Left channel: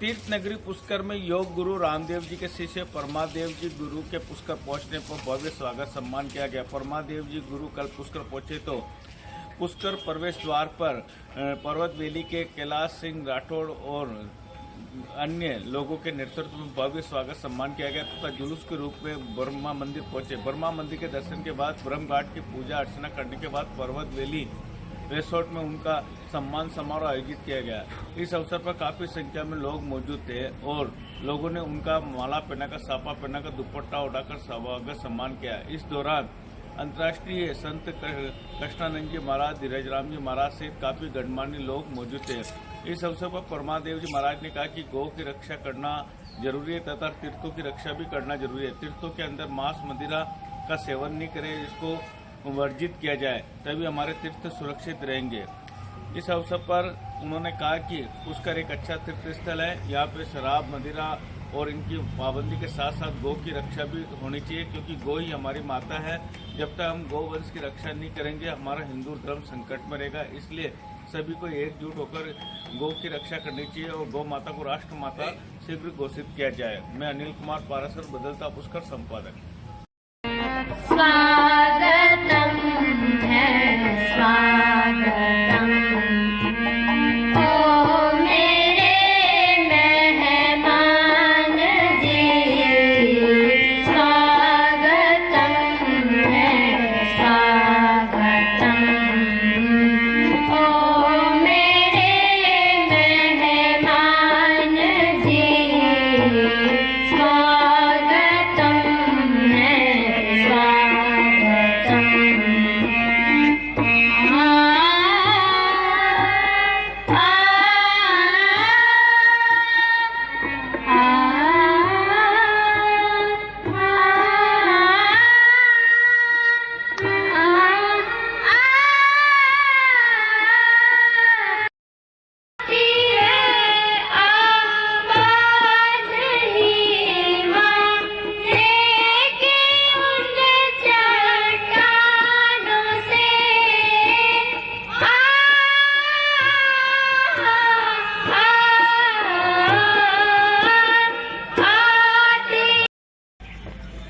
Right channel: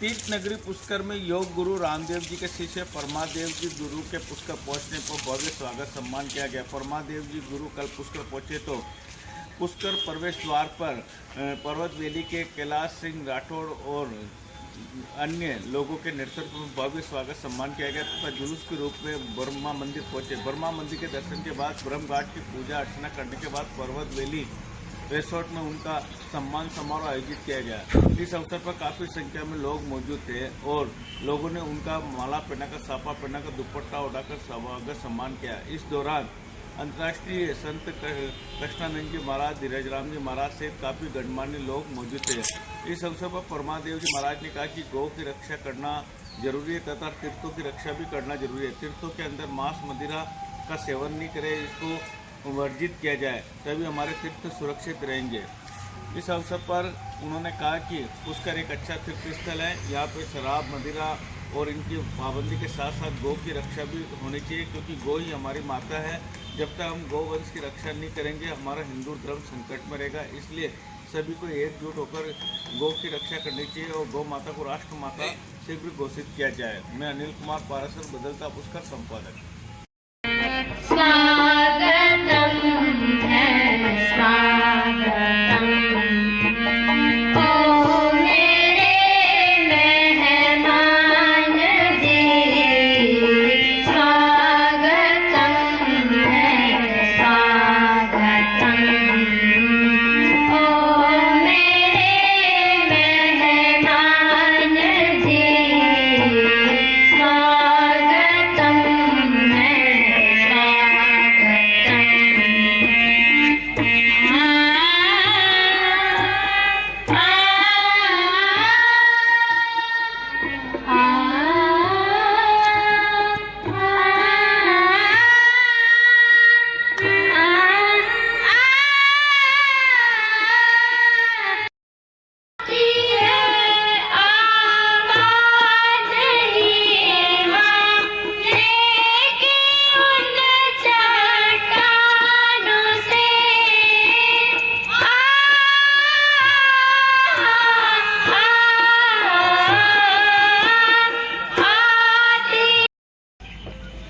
तीर्थ नगरी पुष्कर में योग गुरु रामदेव जी के शिष्य परमादेव जी गुरु के पुष्कर पहुंचने पर भव्य स्वागत सम्मान किया गया। परमादेव जी गुरु कल पुष्कर पहुंचे तो पुष्कर प्रवेश द्वार पर पर्वत वैली के कैलाश सिंह राठौड़ और अन्य लोगों के नेतृत्व में भव्य स्वागत सम्मान किया गया तथा जुलूस के रूप में ब्रह्मा मंदिर पहुंचे। ब्रह्मा मंदिर के दर्शन के बाद ब्रह्म घाट की पूजा अर्चना करने के बाद पर्वत वैली रिसोर्ट में उनका सम्मान समारोह आयोजित किया गया। इस अवसर पर काफ़ी संख्या में लोग मौजूद थे और लोगों ने उनका माला पहनाकर, साफा पहनाकर, दुपट्टा उड़ाकर स्वागत सम्मान किया। इस दौरान अंतर्राष्ट्रीय संत कृष्णानंद जी महाराज, धीरज राम जी महाराज सहित काफ़ी गणमान्य लोग मौजूद थे। इस अवसर पर परमादेव जी महाराज ने कहा कि गौ की रक्षा करना जरूरी है तथा तीर्थों की रक्षा भी करना जरूरी है। तीर्थों के अंदर मांस मदिरा का सेवन नहीं करें, इसको वर्जित किया जाए, तभी हमारे तीर्थ सुरक्षित रहेंगे। इस अवसर पर उन्होंने कहा कि पुष्कर एक अच्छा तीर्थ स्थल है। यहाँ पे शराब, मदिरा और इनकी पाबंदी के साथ साथ गौ की रक्षा भी होनी चाहिए, क्योंकि गौ ही हमारी माता है। जब तक हम गौवंश की रक्षा नहीं करेंगे हमारा हिंदू धर्म संकट में रहेगा। इसलिए सभी को एकजुट होकर गौ की रक्षा करनी चाहिए और गौ माता को राष्ट्र माता शीघ्र घोषित किया जाए। मैं अनिल कुमार पारासर, बदलता पुष्कर संपादक।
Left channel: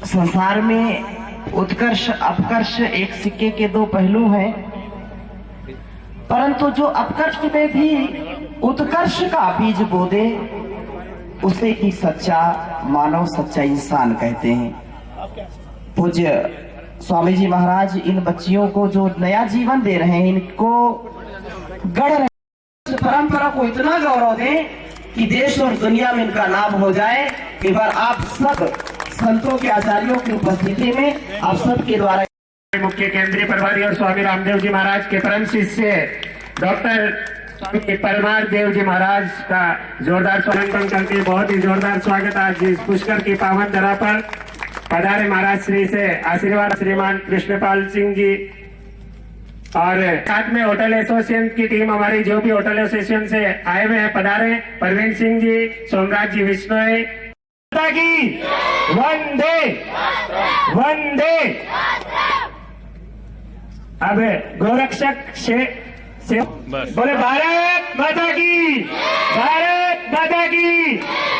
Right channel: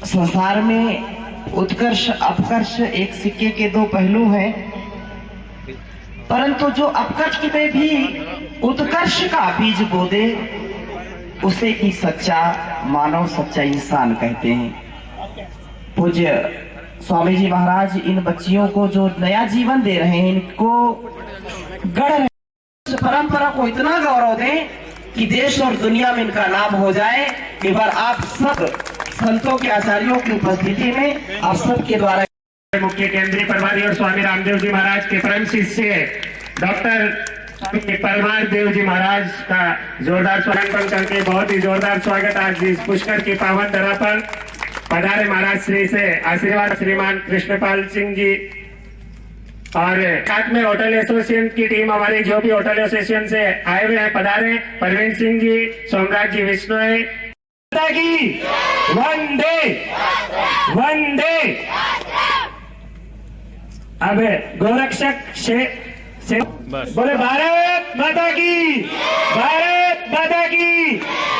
संसार में उत्कर्ष अपकर्ष एक सिक्के के दो पहलू हैं, परंतु जो अपकर्ष में भी उत्कर्ष का बीज बो दे उसे ही सच्चा मानव, सच्चा इंसान कहते हैं। पूज्य स्वामी जी महाराज इन बच्चियों को जो नया जीवन दे रहे हैं, इनको गढ़ रहे, परंपरा को इतना गौरव दें कि देश और दुनिया में इनका नाम हो जाए। एक बार आप सब संतों के आचार्यों की उपस्थिति में आप सबके द्वारा मुख्य केंद्रीय प्रभारी और स्वामी रामदेव जी महाराज के परम शिष्य डॉक्टर परमार देव जी महाराज का जोरदार स्वागत करके बहुत ही जोरदार स्वागत आज इस पुष्कर की पावन धरा पर पधारे महाराज श्री से आशीर्वाद श्रीमान कृष्णपाल सिंह जी और साथ में होटल एसोसिएशन की टीम, हमारी जो भी होटल एसोसिएशन से आए हुए हैं पधारे, परवीन सिंह जी, सोमराज जी, विष्णु की वंदे वंदे। अब गोरक्षक से बोले भारत माता की, भारत माता की,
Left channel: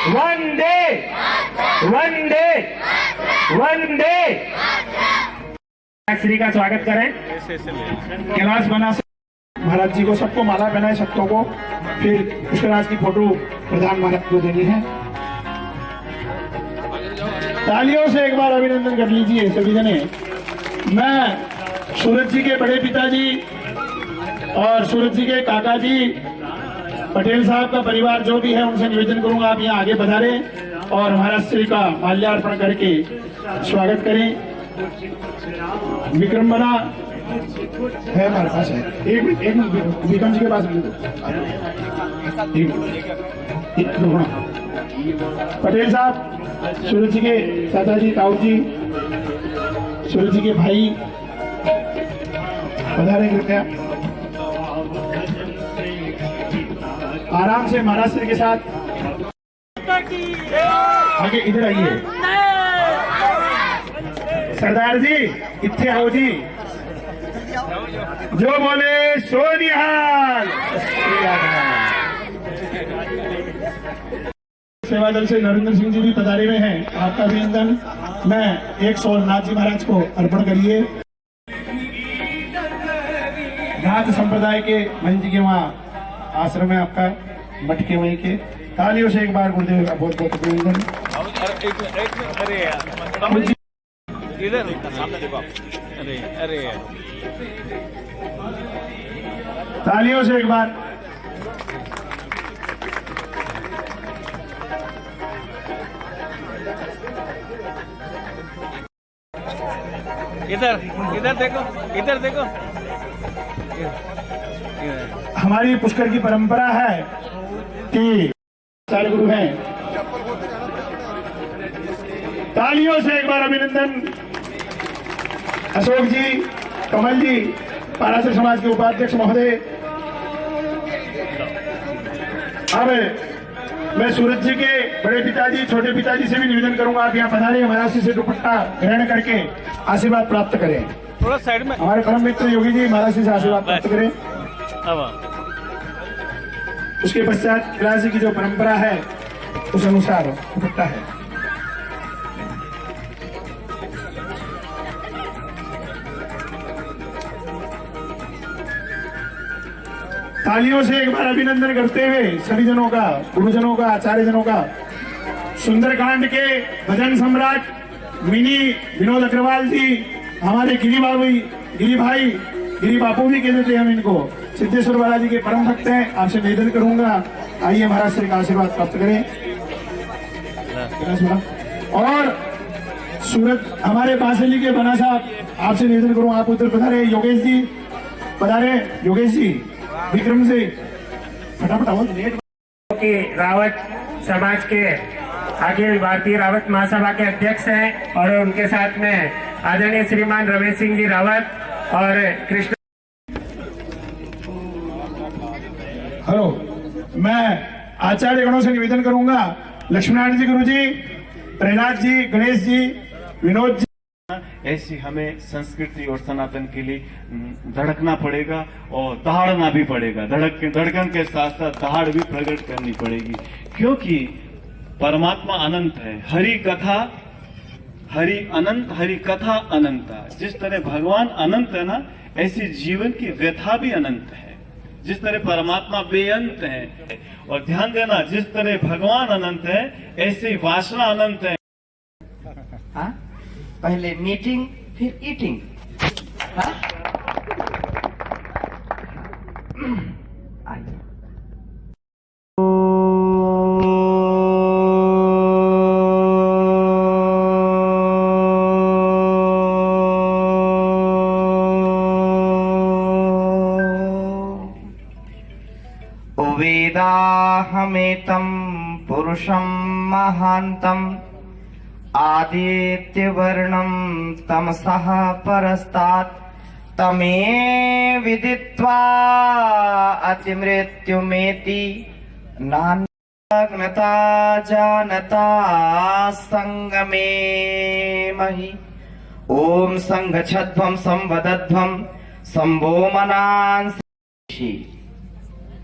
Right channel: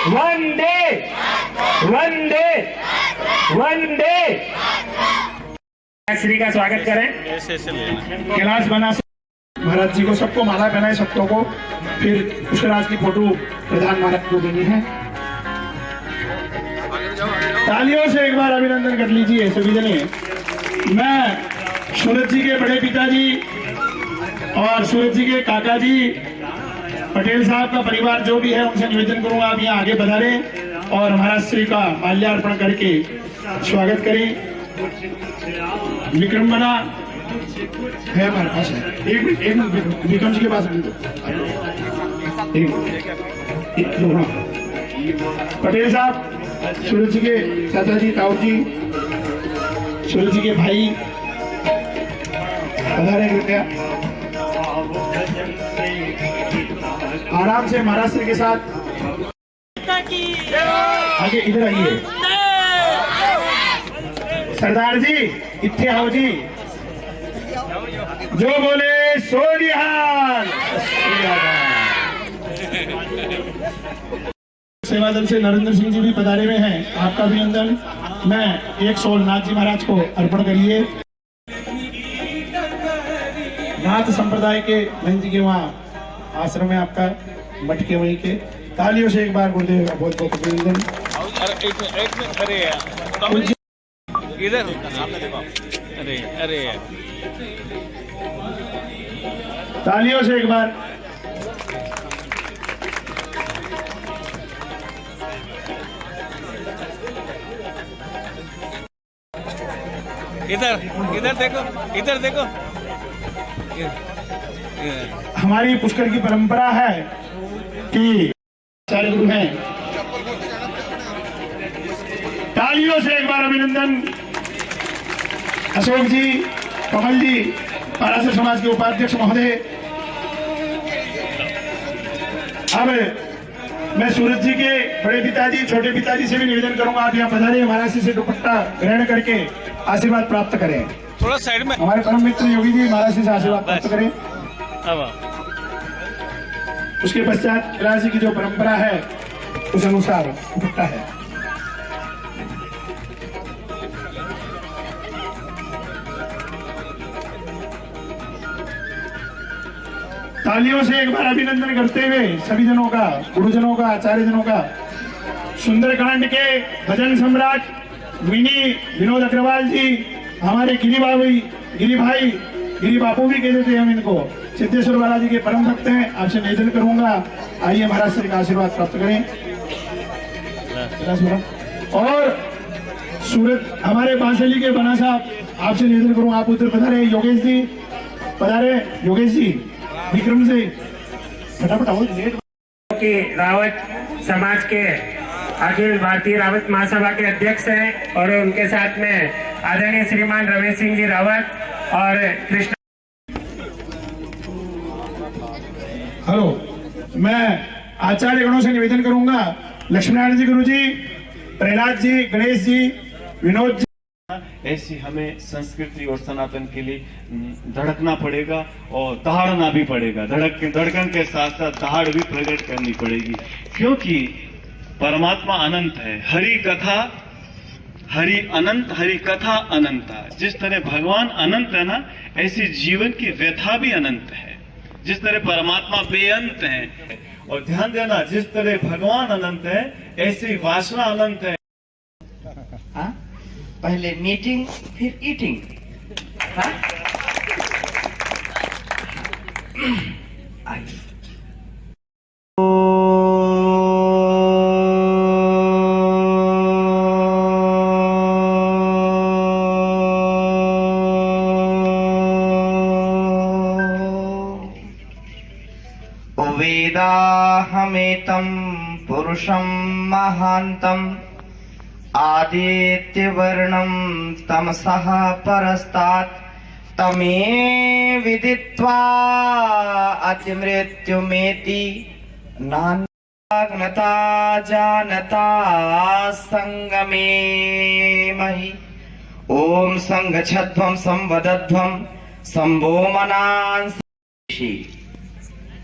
वंदे वंदे वंदे। श्री का स्वागत करें। कैलाश बना महाराज जी को, सबको माला पहनाए, सबको को फिर पुष्कराज की फोटो प्रधान महाराज को देनी है। तालियों से एक बार अभिनंदन कर लीजिए सभी जने। मैं सूरज जी के बड़े पिताजी और सूरज जी के काका जी पटेल साहब का परिवार जो भी है उनसे निवेदन करूंगा आप यहाँ आगे पधारे और महाराज श्री का माल्यार्पण करके स्वागत करें। विक्रम बना है हमारे पास है, एक विक्रम जी के पास पटेल साहब, सूरज जी के चाचा जी, ताऊ जी, सूरज जी के भाई पधारे कृपया। आराम से महाराष्ट्र के साथ आगे इधर आइए। सरदार जी इतने आओ जी, जो बोले सो निहाल। सेवा दल से नरेंद्र सिंह जी भी पधारे हुए हैं, आपका अभिनंदन। मैं 100 नाथ जी महाराज को अर्पण करिए। नाथ संप्रदाय के मंच के वहाँ आश्रम है आपका, मठ के वहीं के। तालियों से एक बार गुरुदेव का बहुत बहुत अभिनंदन। एक मिनट, अरे यार इधर सामने देखो। अरे अरे यार, तालियों से एक बार। इधर इधर देखो, इधर देखो। हमारी पुष्कर की परंपरा है कि सारे गुरु हैं। तालियों से एक बार अभिनंदन। अशोक जी, कमल जी, पारासर समाज के उपाध्यक्ष महोदय। अब मैं सूरज जी के बड़े पिताजी, छोटे पिताजी से भी निवेदन करूंगा, आप यहाँ पधारे, महाराज से दुपट्टा ग्रहण करके आशीर्वाद प्राप्त करें। थोड़ा साइड में। हमारे परम मित्र योगी जी महाराज से आशीर्वाद प्राप्त करें। अब आओ। उसके पश्चात राशि की जो परंपरा है उस अनुसार दुपट्टा है। तालियों से एक बार अभिनंदन करते हुए सभी जनों का, गुरुजनों का, आचार्य जनों का। सुंदरकांड के भजन सम्राट मिनी विनोद अग्रवाल जी, हमारे गिरी भाई, गिरी बापू भी कह देते हैं हम इनको, सिद्धेश्वर बालाजी के परम भक्त हैं। आपसे निवेदन करूंगा, आइए महाराज से आशीर्वाद प्राप्त करें। और सूरत हमारे बांसली के बना साहब, आपसे निवेदन करूंगा, आप उधर पधारे। योगेश जी पधारे, योगेश जी, विक्रम जी फटाफट आओ। कि रावत समाज के अखिल भारतीय रावत महासभा के अध्यक्ष हैं और उनके साथ में आदरणीय श्रीमान रमेश सिंह जी रावत और कृष्ण। हेलो, मैं आचार्य गणों से निवेदन करूंगा, लक्ष्मीनारायण जी, गुरु जी, प्रहलाद जी, गणेश जी, विनोद जी। ऐसी हमें संस्कृति और सनातन के लिए धड़कना पड़ेगा और दहाड़ना भी पड़ेगा। धड़कन के साथ साथ दहाड़ भी प्रकट करनी पड़ेगी, क्योंकि परमात्मा अनंत है। हरि कथा हरि अनंत, हरि कथा अनंता। जिस तरह भगवान अनंत है ना, ऐसी जीवन की व्यथा भी अनंत है। जिस तरह परमात्मा बेअंत है, और ध्यान देना, जिस तरह भगवान अनंत है ऐसी वासना अनंत है। हाँ? पहले मीटिंग फिर ईटिंग। हाँ? आइए। वेदाहमेतं पुरुषं महान्तं आदित्यवर्णं तमसः परस्तात् तमे विदित्वा अतिमृत्युमेति नान्यग्नता जानता संगमे महि। ओम संगच्छध्वं संवदध्वं संभो मनांसि।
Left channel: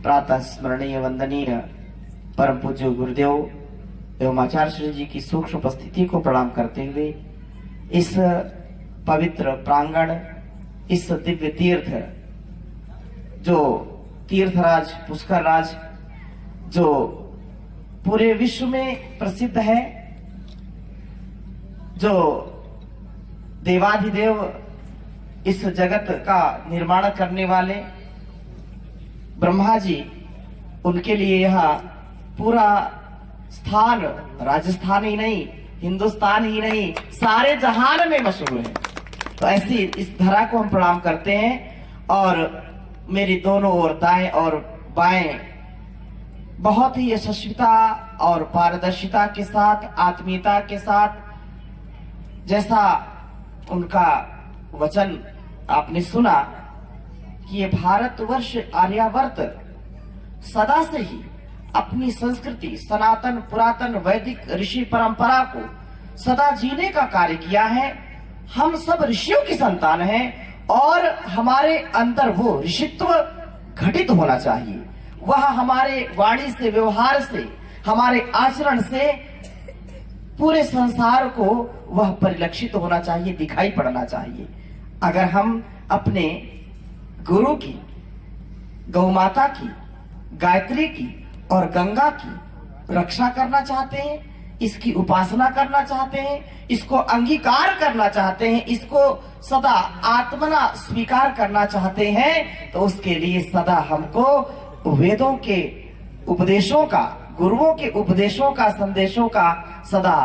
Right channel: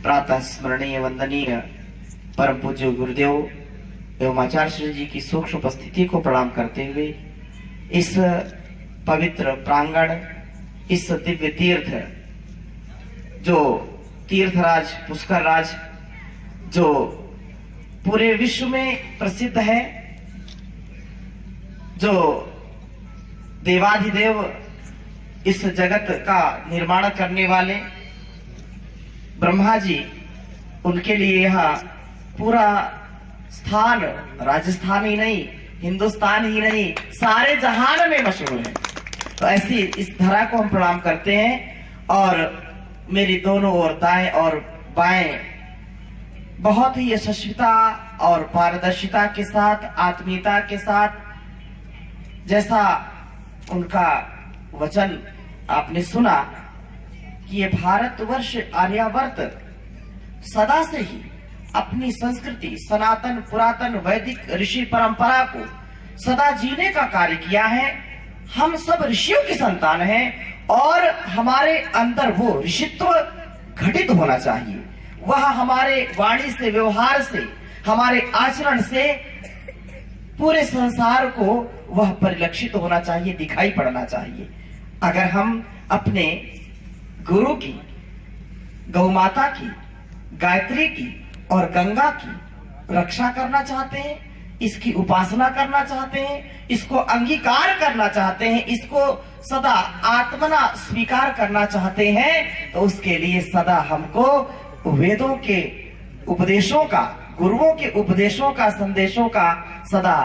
प्रातः स्मरणीय वंदनीय परम पूज्य गुरुदेव एवं आचार्य श्री जी की सूक्ष्म उपस्थिति को प्रणाम करते हुए इस पवित्र प्रांगण, इस दिव्य तीर्थ, जो तीर्थराज पुष्कर राज, जो पूरे विश्व में प्रसिद्ध है, जो देवाधिदेव इस जगत का निर्माण करने वाले ब्रह्मा जी, उनके लिए यह पूरा स्थान राजस्थान ही नहीं, हिंदुस्तान ही नहीं, सारे जहान में मशहूर है। तो ऐसी इस धरा को हम प्रणाम करते हैं। और मेरी दोनों ओर दाएं और बाएं बहुत ही यशस्विता और पारदर्शिता के साथ, आत्मीयता के साथ, जैसा उनका वचन आपने सुना कि ये भारतवर्ष आर्यावर्त सदा से ही अपनी संस्कृति, सनातन पुरातन वैदिक ऋषि परंपरा को सदा जीने का कार्य किया है। हम सब ऋषियों की संतान हैं और हमारे अंदर वो ऋषित्व घटित होना चाहिए। वह हमारे वाणी से, व्यवहार से, हमारे आचरण से पूरे संसार को वह परिलक्षित होना चाहिए, दिखाई पड़ना चाहिए। अगर हम अपने गुरु की, गौ माता की, गायत्री की और गंगा की रक्षा करना चाहते हैं, इसकी उपासना करना चाहते हैं, इसको अंगीकार करना चाहते हैं, इसको सदा आत्मना स्वीकार करना चाहते हैं, तो उसके लिए सदा हमको वेदों के उपदेशों का, गुरुओं के उपदेशों का, संदेशों का सदा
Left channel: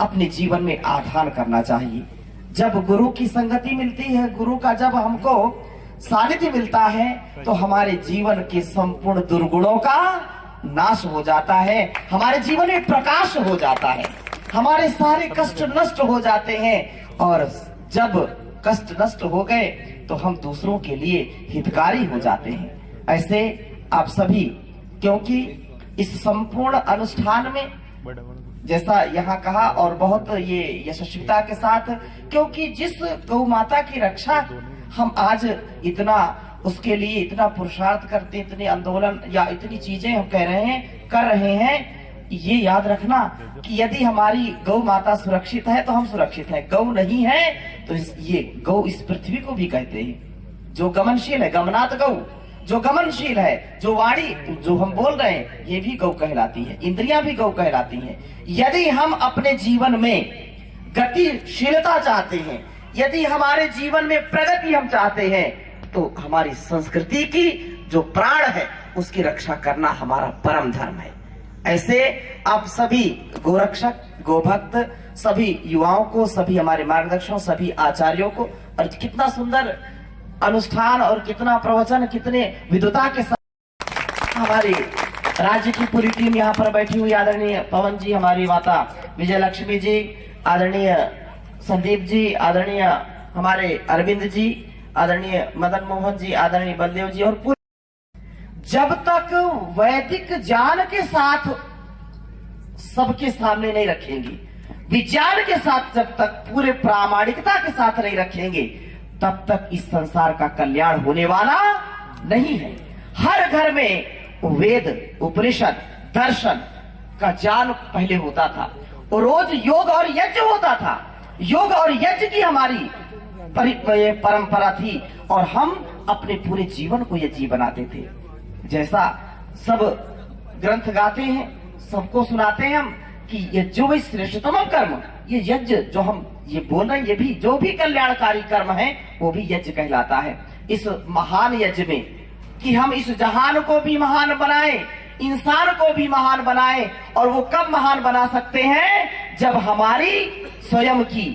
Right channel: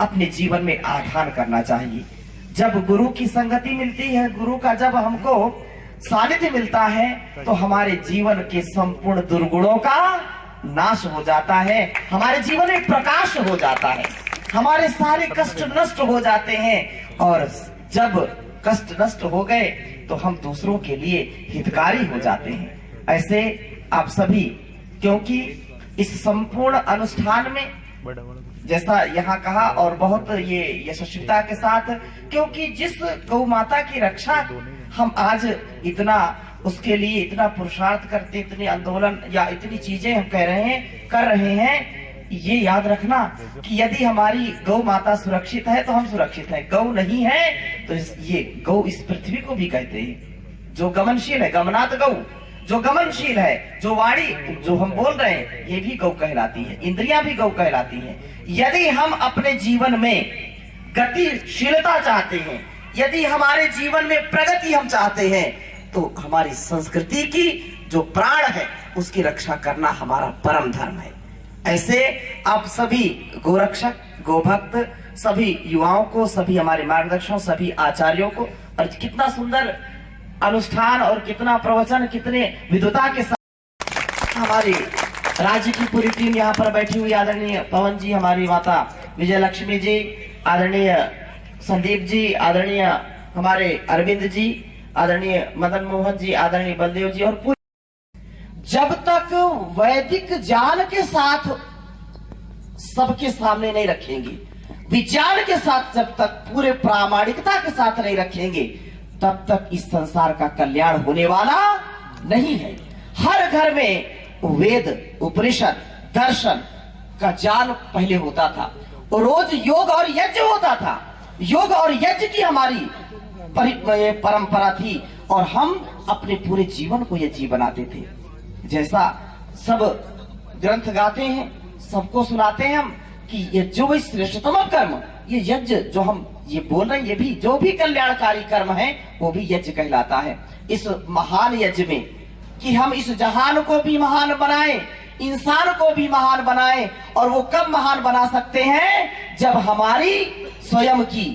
अपने जीवन में आधान करना चाहिए। जब गुरु की संगति मिलती है, गुरु का जब हमको सानिध्य मिलता है, तो हमारे जीवन के संपूर्ण दुर्गुणों का नाश हो जाता है, हमारे जीवन में प्रकाश हो जाता है, हमारे सारे कष्ट नष्ट हो जाते हैं। और जब कष्ट नष्ट हो गए तो हम दूसरों के लिए हितकारी हो जाते हैं। ऐसे आप सभी, क्योंकि इस संपूर्ण अनुष्ठान में जैसा यहाँ कहा और बहुत ये यशस्विता के साथ, क्योंकि जिस गौ माता की रक्षा हम आज इतना उसके लिए इतना पुरुषार्थ करते, इतने आंदोलन या इतनी चीजें हम कर रहे हैं, ये याद रखना कि यदि हमारी गौ माता सुरक्षित है तो हम सुरक्षित हैं, गौ नहीं है तो ये गौ इस पृथ्वी को भी कहते हैं, जो गमनशील है, गमनात गौ, जो गमनशील है, जो वाणी जो हम बोल रहे हैं, ये भी गौ कहलाती है, इंद्रियां भी गौ कहलाती हैं। यदि हम अपने जीवन में गतिशीलता चाहते हैं, यदि हमारे जीवन में प्रगति हम चाहते हैं, तो हमारी संस्कृति की जो प्राण है उसकी रक्षा करना हमारा परम धर्म है। ऐसे आप सभी गोरक्षक, गोभक्त, सभी युवाओं को, सभी हमारे मार्गदर्शकों, सभी आचार्यों को, और कितना सुंदर अनुष्ठान और कितना प्रवचन, कितने विद्वता के साथ हमारी राज्य की पूरी टीम यहाँ पर बैठी हुई, आदरणीय पवन जी, हमारी माता विजय लक्ष्मी जी, आदरणीय संदीप जी, आदरणीय हमारे अरविंद जी, आदरणीय मदन मोहन जी, आदरणीय बलदेव जी, और पूरी जब तक वैदिक ज्ञान के साथ सबके सामने नहीं रखेंगे, विज्ञान के साथ जब तक पूरे प्रामाणिकता के साथ नहीं रखेंगे, तब तक इस संसार का कल्याण होने वाला नहीं है। हर घर में वेद, उपनिषद, दर्शन का ज्ञान पहले होता था, और रोज योग और यज्ञ होता था, योग और यज्ञ की हमारी परंपरा थी, और हम अपने पूरे जीवन को यज्ञ बनाते थे। जैसा सब ग्रंथ गाते हैं, सबको सुनाते हैं हम कि ये जो भी श्रेष्ठतम कर्म, ये यज्ञ जो हम ये बोल रहे हैं, ये भी जो भी कल्याणकारी कर्म है वो भी यज्ञ कहलाता है। इस महान यज्ञ में कि हम इस जहान को भी महान बनाएं, इंसान को भी महान बनाएं, और वो कब महान बना सकते हैं, जब हमारी स्वयं की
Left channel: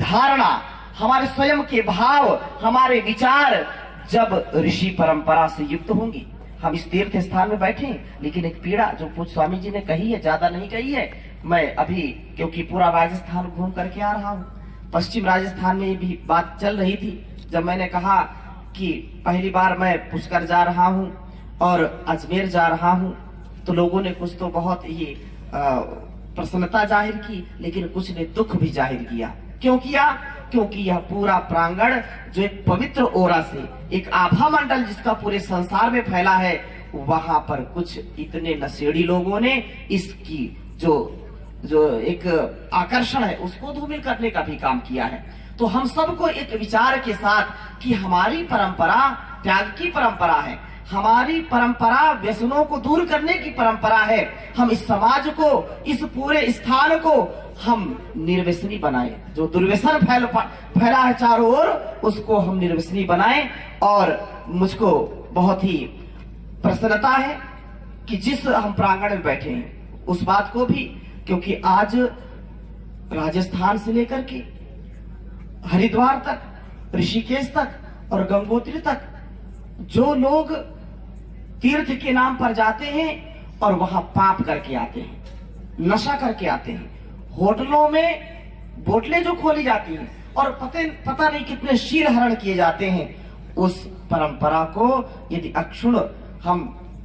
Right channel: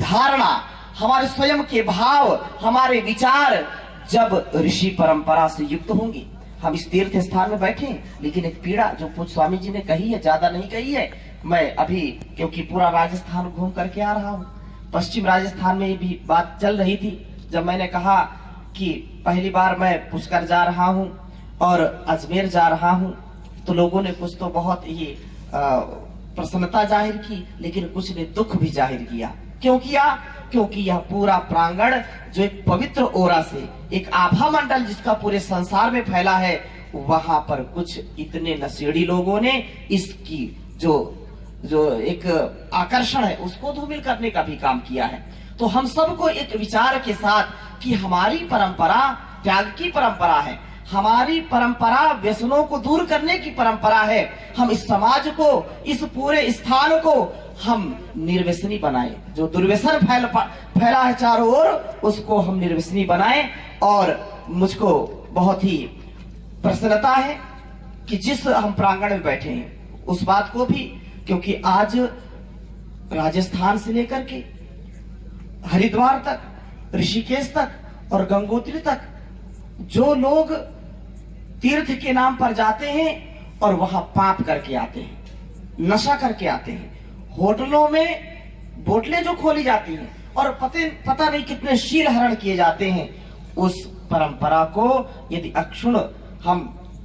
धारणा, हमारे स्वयं के भाव, हमारे विचार जब ऋषि परंपरा से युक्त होंगी। हम इस तीर्थ स्थान में बैठे, लेकिन एक पीड़ा जो पूज्य स्वामी जी ने कही है, ज्यादा नहीं कही है। मैं अभी क्योंकि पूरा राजस्थान घूम करके आ रहा हूँ, पश्चिम राजस्थान में भी बात चल रही थी, जब मैंने कहा कि पहली बार मैं पुष्कर जा रहा हूँ और अजमेर जा रहा हूँ, तो लोगों ने कुछ तो बहुत ही प्रसन्नता जाहिर की, लेकिन कुछ ने दुख भी जाहिर किया। क्यों किया? क्योंकि यह पूरा प्रांगण जो एक पवित्र ओरा से, एक आभा मंडल जिसका पूरे संसार में फैला है, वहां पर कुछ इतने नशेड़ी लोगों ने इसकी जो एक आकर्षण है उसको धूमिल करने का भी काम किया है। तो हम सबको एक विचार के साथ कि हमारी परंपरा त्याग की परंपरा है, हमारी परंपरा व्यसनों को दूर करने की परंपरा है, हम इस समाज को, इस पूरे स्थान को हम निर्व्यसनी बनाए। जो दुर्व्यसन फैला है चारों ओर, उसको हम निर्व्यसनी बनाए। और मुझको बहुत ही प्रसन्नता है कि जिस हम प्रांगण में बैठे हैं उस बात को भी, क्योंकि आज राजस्थान से लेकर के हरिद्वार तक, ऋषिकेश तक और गंगोत्री तक जो लोग तीर्थ के नाम पर जाते हैं और वहां पाप करके आते हैं, नशा करके आते हैं, होटलों में बोतलें जो खोली जाती हैं और पता नहीं कितने शील हरण किए जाते हैं, उस परंपरा को यदि अक्षुण हम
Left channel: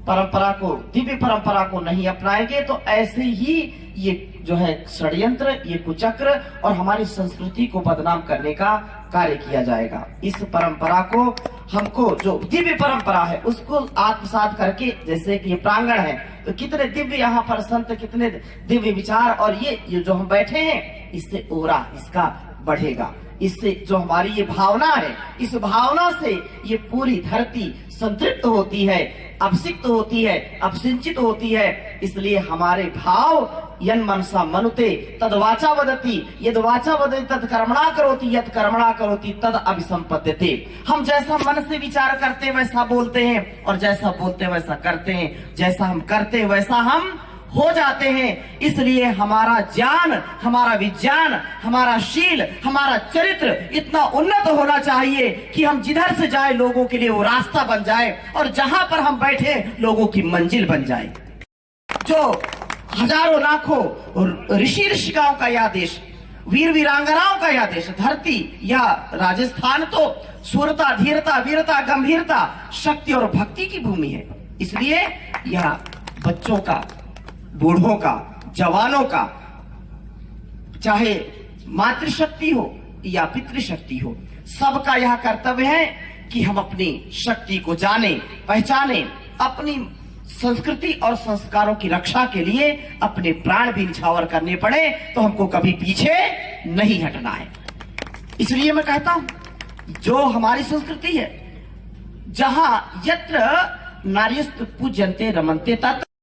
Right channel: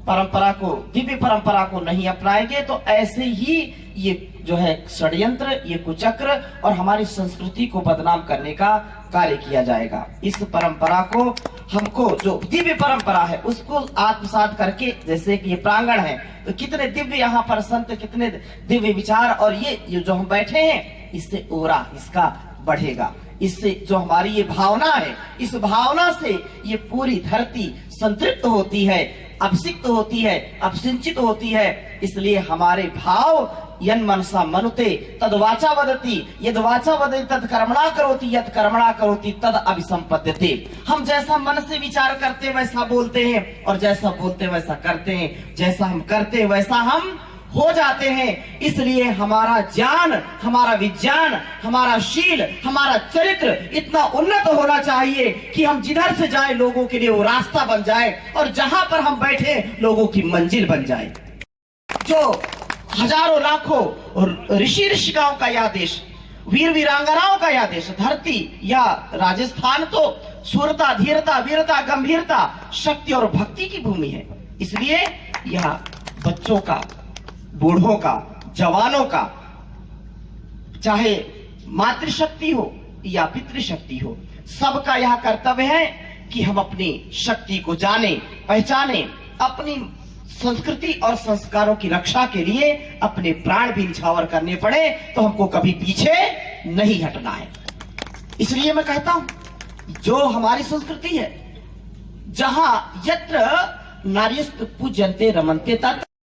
परंपरा को, दिव्य परंपरा को नहीं अपनाएंगे, तो ऐसे ही ये जो है षड्यंत्र, ये कुचक्र और हमारी संस्कृति को बदनाम करने का कार्य किया जाएगा। इस परंपरा को हमको, जो दिव्य परंपरा है, उसको आत्मसात करके, जैसे कि ये प्रांगण है तो कितने दिव्य यहाँ पर संत, कितने दिव्य विचार, और ये जो हम बैठे हैं, इससे ओरा इसका बढ़ेगा। इससे जो हमारी ये भावना है, इस भावना से ये पूरी धरती संतृप्त होती है, अभिषिक्त होती है, अभिसिंचित होती है। इसलिए हमारे भाव यन मनसा मनुते तद वाचा वदति, यद वाचा वदति तद कर्मणा करोति, यद कर्मणा करोति तद अभिसंपद्यते। हम जैसा मन से विचार करते वैसा बोलते हैं, और जैसा बोलते वैसा करते हैं, जैसा हम करते वैसा हम हो जाते हैं। इसलिए हमारा ज्ञान, हमारा विज्ञान, हमारा शील, हमारा चरित्र इतना उन्नत होना चाहिए कि हम जिधर से जाए लोगों के लिए वो रास्ता बन जाए, और जहां पर हम बैठे लोगों की मंजिल बन जाए। जो हजारों लाखों ऋषि ऋषिकाओं का यह देश, वीर वीरांगनाओं का यह देश, धरती या राजस्थान तो सूरता, धीरता, वीरता, गंभीरता, शक्ति और भक्ति की भूमि है। इसलिए यह बच्चों का, बूढ़ों का, जवानों का, चाहे मातृशक्ति हो या पितृशक्ति हो, सबका यह कर्तव्य है कि हम अपनी शक्ति को जाने, पहचाने, अपनी संस्कृति और संस्कारों की रक्षा के लिए अपने प्राण भी निछावर करने पड़े तो हमको कभी पीछे नहीं हटना है। इसलिए मैं कहता हूं, जो हमारी संस्कृति है, जहां यत्र नार्यस्त पूज्यन्ते रमन्ते तत्र